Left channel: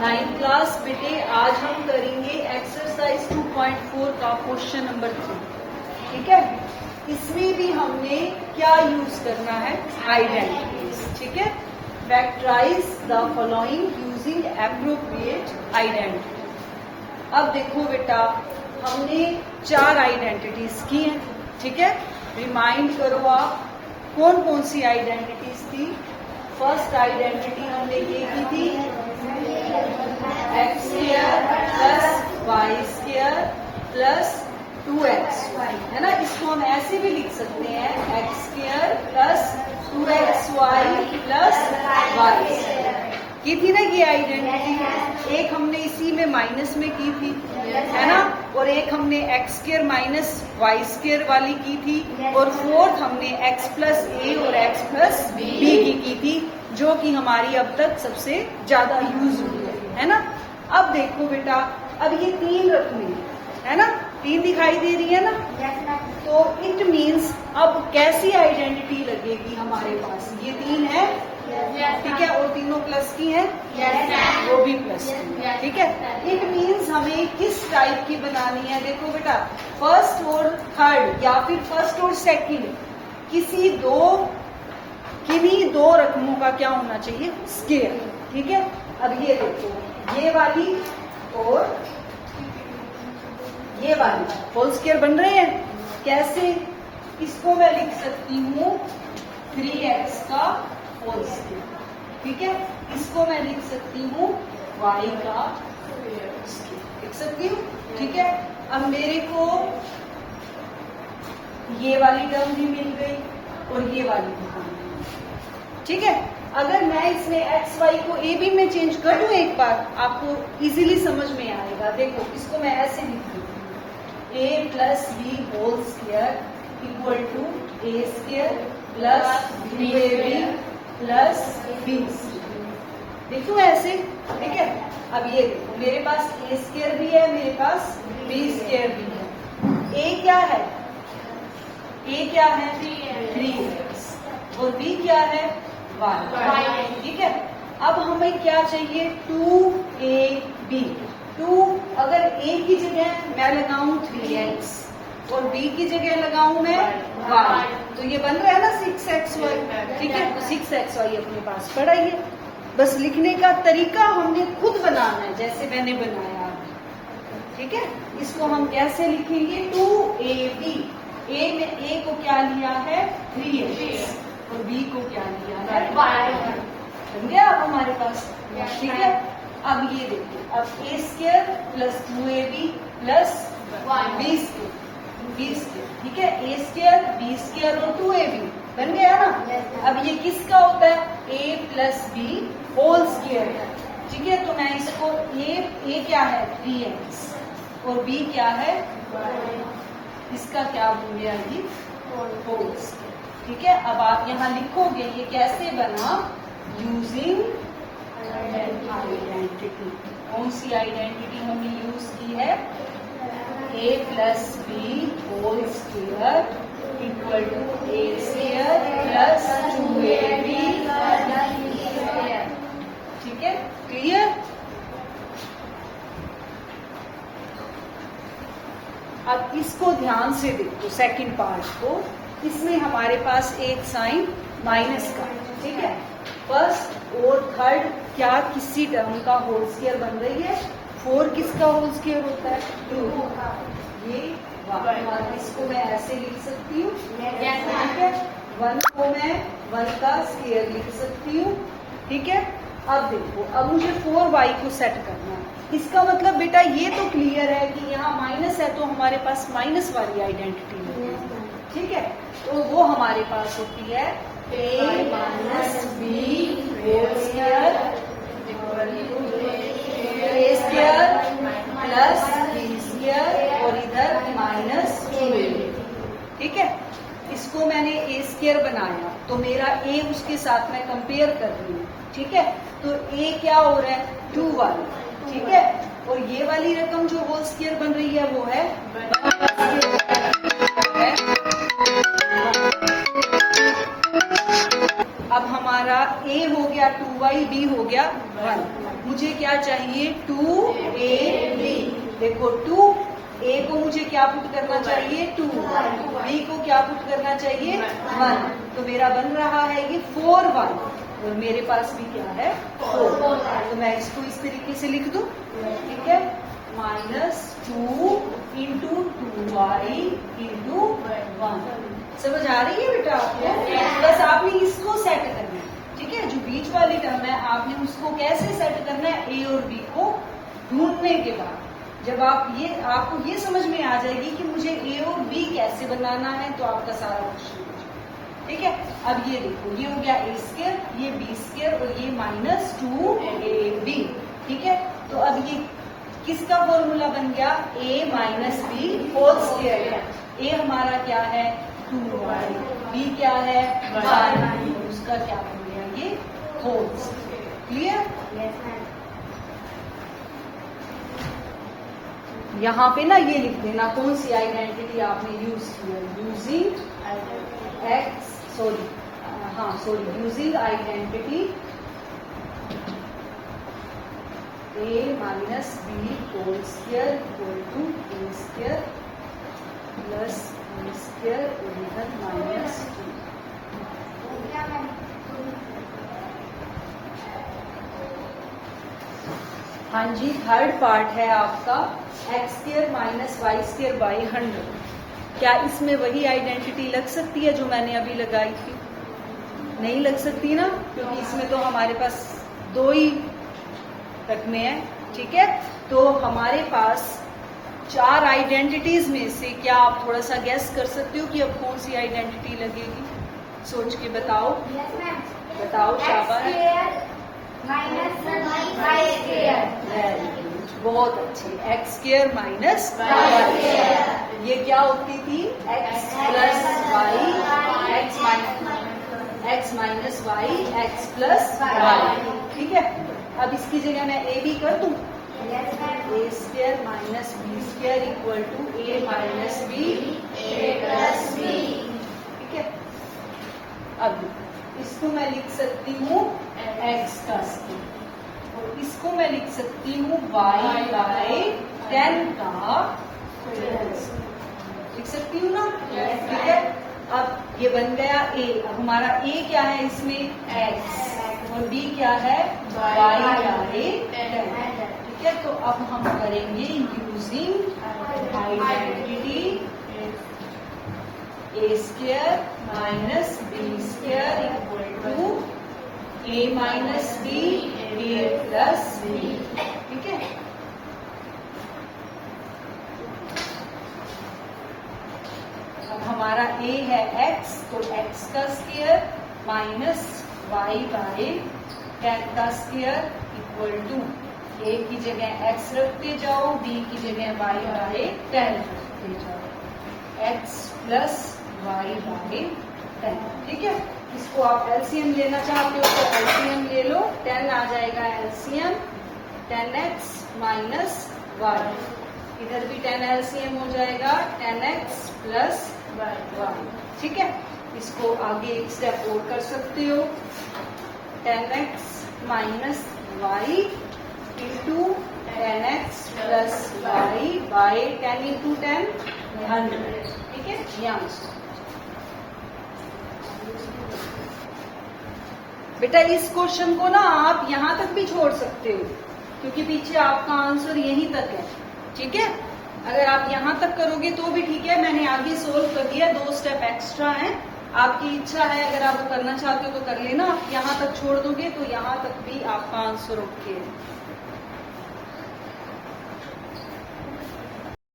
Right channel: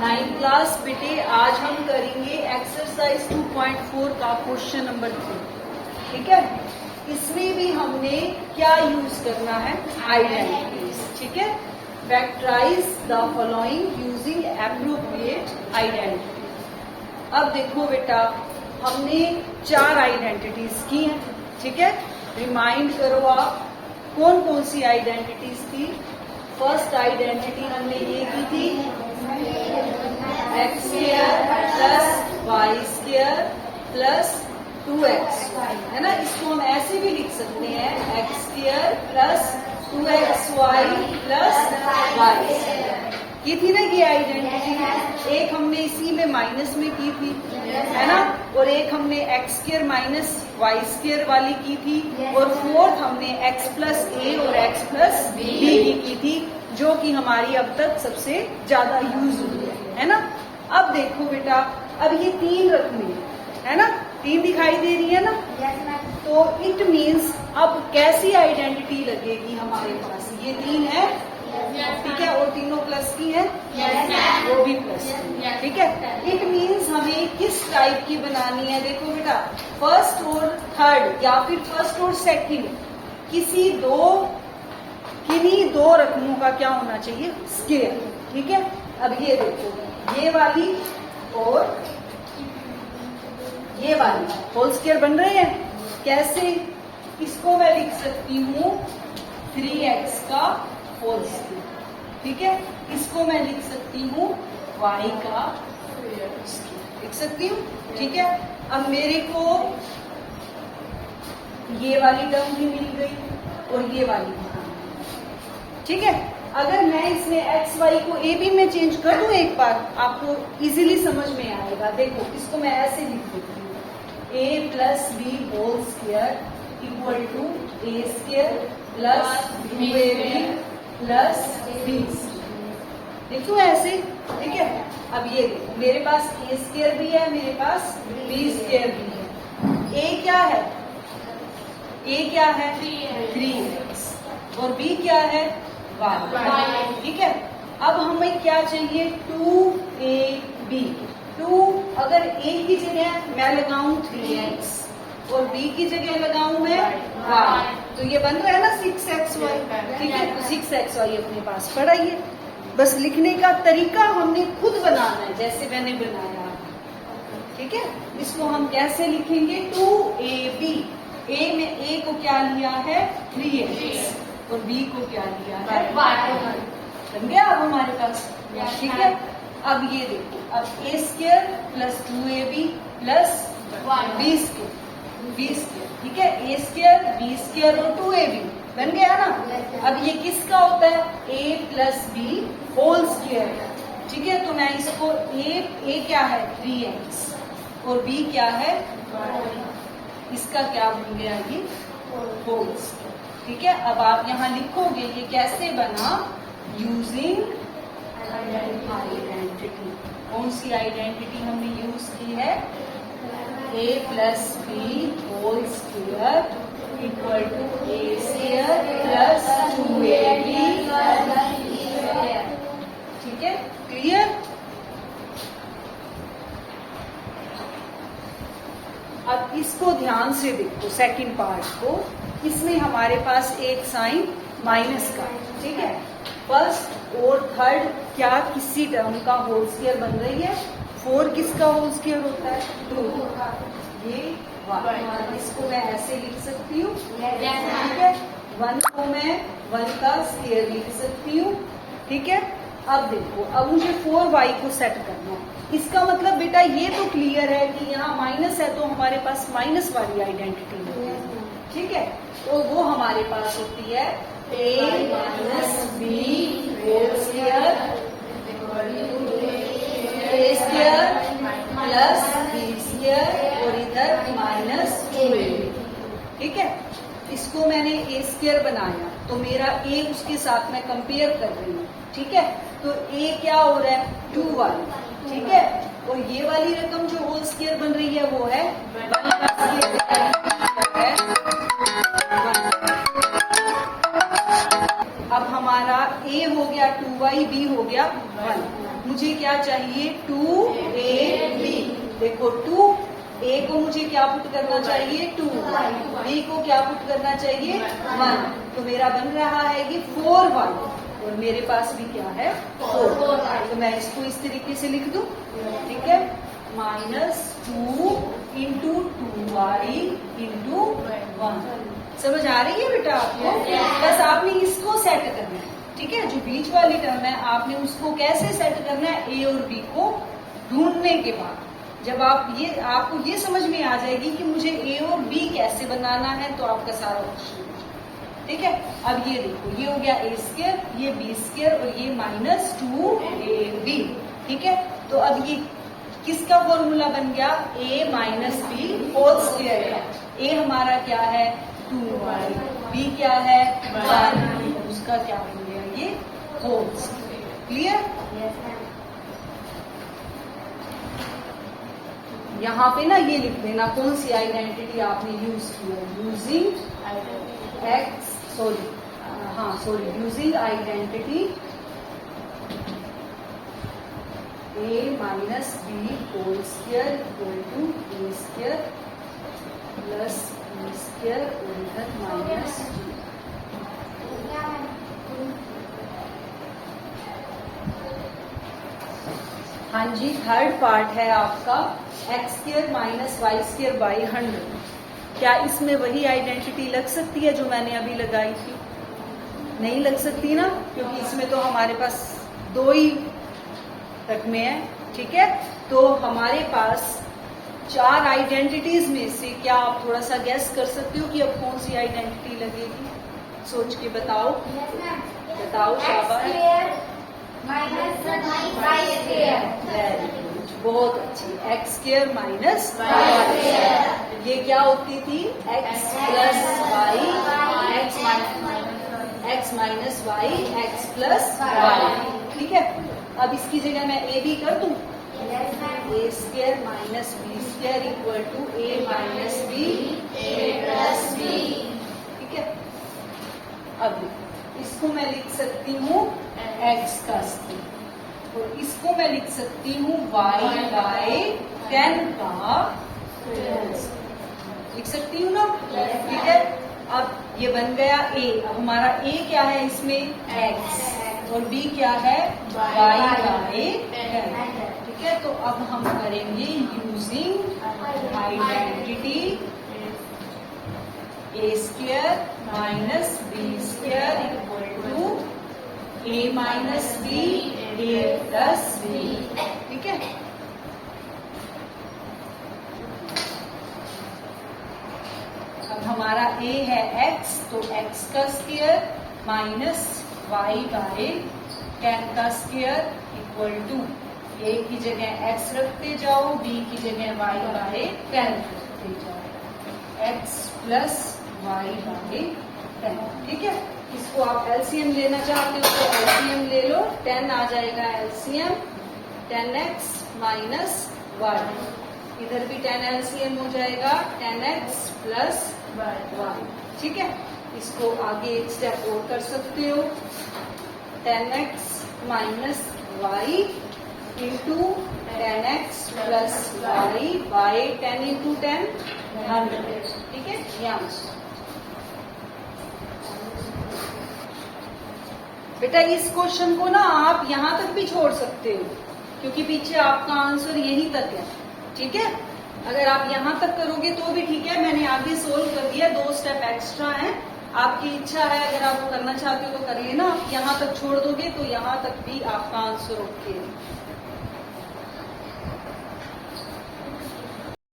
9th class बेटे, आज हम करेंगे एक्सरसाइज 2.4 का क्वेश्चन नंबर 3। ठीक है, इसमें भी हमने क्या यूज करना है, आइडेंटिटीज। ठीक है, factorise the following using appropriate identity. अब देखो बेटा, हमने 4 आइडेंटिटीज की हैं। ठीक है, रिमाइंड करो आप कौन कौन सी आइडेंटिटीज थी। फर्स्ट आइडेंटिटी हमने ये की थी, x square plus y square plus 2x, है ना। इसको हम ऐसे भी लिख सकते हैं, x square plus 2xy plus y की थी ना ये आइडेंटिटी। एक हमने इसी में माइनस में की थी, है ना, और एक हमने x square minus y square वाली की थी, और फोर्थ हमने एक्स प्लस ए और एक्स प्लस बी की थी, जो कि हमारी अब तक सबसे ज्यादा यूज हुई है ना। अब देखो बेटा, अब ये 3 रकमें है ना, 3 दिखाई दे रही है ना। तो इट मीन्स अब कैसी आइडेंटिटी लगेगी हमारे पास, ये 3 है, ठीक है, और तीनों प्लस की है, वो भी प्लस की। ठीक है, इट मीन्स हमें किस टाइप की बनानी है। देखो बेटा, फर्स्ट और थर्ड या फिर फर्स्ट और सेकंड किन्हीं दो रकमों का क्या होना चाहिए, स्क्वायर। ठीक है, अब ये देखो, ये वाली और ये वाली होल स्क्वायर बन रहे हैं। कैसे, इसको मैं लिख सकती हूँ 3x का होल स्क्वायर। ठीक है, इसको मैं लिख सकती हूँ y का स्क्वायर, लिख सकती हूँ। ठीक है, अब मेरे को ये वाली टर्म भी मिल गई और ये वाली भी टर्म मिल गई। ठीक है, अगर मैं इसमें एक्स वाई को ए बी में चेंज कर दूं एक बार, आपको इजीली समझ में आएगा। देखो, इसको मैं ऐसे लिख देती हूँ, a plus b whole square equal to a square plus b a b plus b. देखो ऐसे, ठीक है। अब ये देखो, मेरे पास ए स्क्वायर भी है, मेरे पास बी स्क्वायर भी है। ए क्या है, ए क्या है 3x और बी क्या है y। ठीक है, अब हमें क्या चाहिए, 2ab। 2 अगर a की जगह मैं लगाऊं 3x और b की जगह लगाऊं मैं y, तो ये बन रहा है ना 6xy। ठीक है, तो 6xy अपने पास पड़ा ही है। बस लिखने का तरीका हमने खुद बनाना है, जैसे मैंने बनाया है। ठीक है, इसको हम कैसे लिखेंगे, 2ab। a में a को क्या लिया है 3x और b को क्या लिया है y। बन गया अब हमारे पास। ठीक है, अब ये देखो, अब a square plus 2ab plus b square. ठीक है, a स्क्वायर b स्क्वायर और 2ab बन गया ना। अब ये किसका होता है, a plus b whole square है। ठीक है, तो मैं इसको a क्या है 3x और b क्या है, इसका क्या बन गया ये होल स्क्वायर। ठीक है, अब आप यहाँ लिखोगे ये कैसे बना, यूजिंग आइडेंटिटी। कौन सी आइडेंटिटी हमने यूज की है, a plus b whole square equal to a square plus 2ab। ठीक है, क्लियर। अब इसको ध्यान से देखो, सेकंड पार्ट को, इसमें हमारे पास एक साइन माइनस का। ठीक है, फर्स्ट और थर्ड क्या किसी टर्म का होल स्क्वायर बन रही है। 4 किसका होल स्क्वायर होता है, 2। ये 1, इसको मैं ऐसे लिख सकती हूँ। ठीक है, 1 को मैं 1 का स्क्वायर लिख सकती हूँ। ठीक है, अब देखो, अब मुझे 4y को सेट करना है। इसका मतलब बेटा ये तो क्लियर है कि यहाँ माइनस है, तो हमारे पास माइनस वाली आइडेंटिटी है। ठीक है, तो वो हमारे पास होती है a minus b whole square a square plus b square और इधर माइनस 2ab। ठीक है, इसको मैंने ए स्क्वायर बनाया, तो मेरा a उसके साथ में कंपेयर कर रही हूँ। ठीक है, तो a क्या हो रहा है 2y। ठीक है, और ये वाली रकम जो होल स्क्वायर बन रही है वो है 1। अब हमारा a हो गया 2 2ab हो गया 1। मुझे क्या चाहिए 2ab। देखो 2a को मुझे क्या पुट करना चाहिए 2, b को क्या पुट करना चाहिए 1, तो मेरा बन रहा है ये 4y और मेरे पास भी क्या है 4। तो मैं इसको इस तरीके से लिख दूं, ठीक है, -2 इंटू 2y इंटू 1। समझ आ रही है बेटा आपको? बस आपने इसको सेट करना है, ठीक है, जो बीच वाली टर्म है आपने उसको कैसे सेट करना है, ए और बी को ढूंढने के बाद जब आपको ये समझ में आ जाएगी कि मुझे ए और बी कैसे बनाना है, तो आपका सारा क्वेश्चन, ठीक है। अब ये देखो, ये हो गया a स्क्वायर, ये b स्क्वायर और ये -2ab, ठीक है। तो अब ये किसका फॉर्मूला बन गया, a minus b whole square है। a हमारा क्या है 2y, b क्या है y, उसका क्या बन गया ये होल स्क्वायर। क्लियर? यहाँ पे ना ये लिख देना कौन सी आइडेंटिटी आपने यूज की है, using identity a minus b whole square equal to a square plus b square और इधर -2। हाँ जी, थर्ड पार्ट है आपका x square minus y square by 100। क्या इसमें वही आइडेंटिटी लग सकती है जो मैंने अभी लगाई थी? नहीं लग सकती ना, क्योंकि इसमें तो हमारे पास 2 ही रकमे हैं, ठीक है। तो हमारे पास 4 आइडेंटिटीज में से क्या आप थोड़ा सा गेस कर सकते हो कि अब कौन सी आइडेंटिटी लगेगी? सोच के बताओ, बताओ शाबाश। बहुत अच्छी, x स्क्वायर माइनस y। ये क्या होती थी x plus y, x minus y, x plus y, ठीक है। अब इसकी जगह मैं a भी कर दूं, a square minus b square equal to a minus b a plus b, ठीक है। अब इसको मैं लिख सकती हूँ x का स्क्वायर, तो इसको मैं लिख सकती हूँ y बाय 10 का लिख सकती हूँ ना, ठीक है। अब ये बन गया a। अब हमारा a क्या है इसमें x और b क्या है y बाय 10, ठीक है। तो अब हम करेंगे using identity a square minus b square equal to a minus b a plus b, ठीक है। अब हमारा a है x, तो x का स्क्वायर माइनस y बाय 10 का स्क्वायर इक्वल टू a की जगह x रखते जाओ, b की जगह y बाय 10 रखते जाओ, x प्लस y बाय 10, ठीक है। इसको आप एलसीएम लेना चाहते हो तो एलसीएम ले लो, 10 आ जाएगा एलसीएम 10x माइनस y, इधर भी 10 एलसीएम हो जाएगा 10x प्लस y, ठीक है। इसको आगे एक स्टेप और कर सकते हो, 10x minus y into 10x plus y by 10 into 10 100, ठीक है। यहाँ बेटा इस क्वेश्चन को ना आप यहाँ तक भी छोड़ सकते हो, क्योंकि पीछे आपका आंसर यहीं तक है, ठीक है। अगर आप यहाँ तक करोगे तो भी ठीक है, मैंने आगे सोल्व कर दिया, 2 स्टेप एक्स्ट्रा है। आपकी इच्छा है, अगर आप करना चाहते हो तो कर लेना, यहाँ तक छोड़ दोगे तो यहाँ तक भी आपका आंसर ओके है।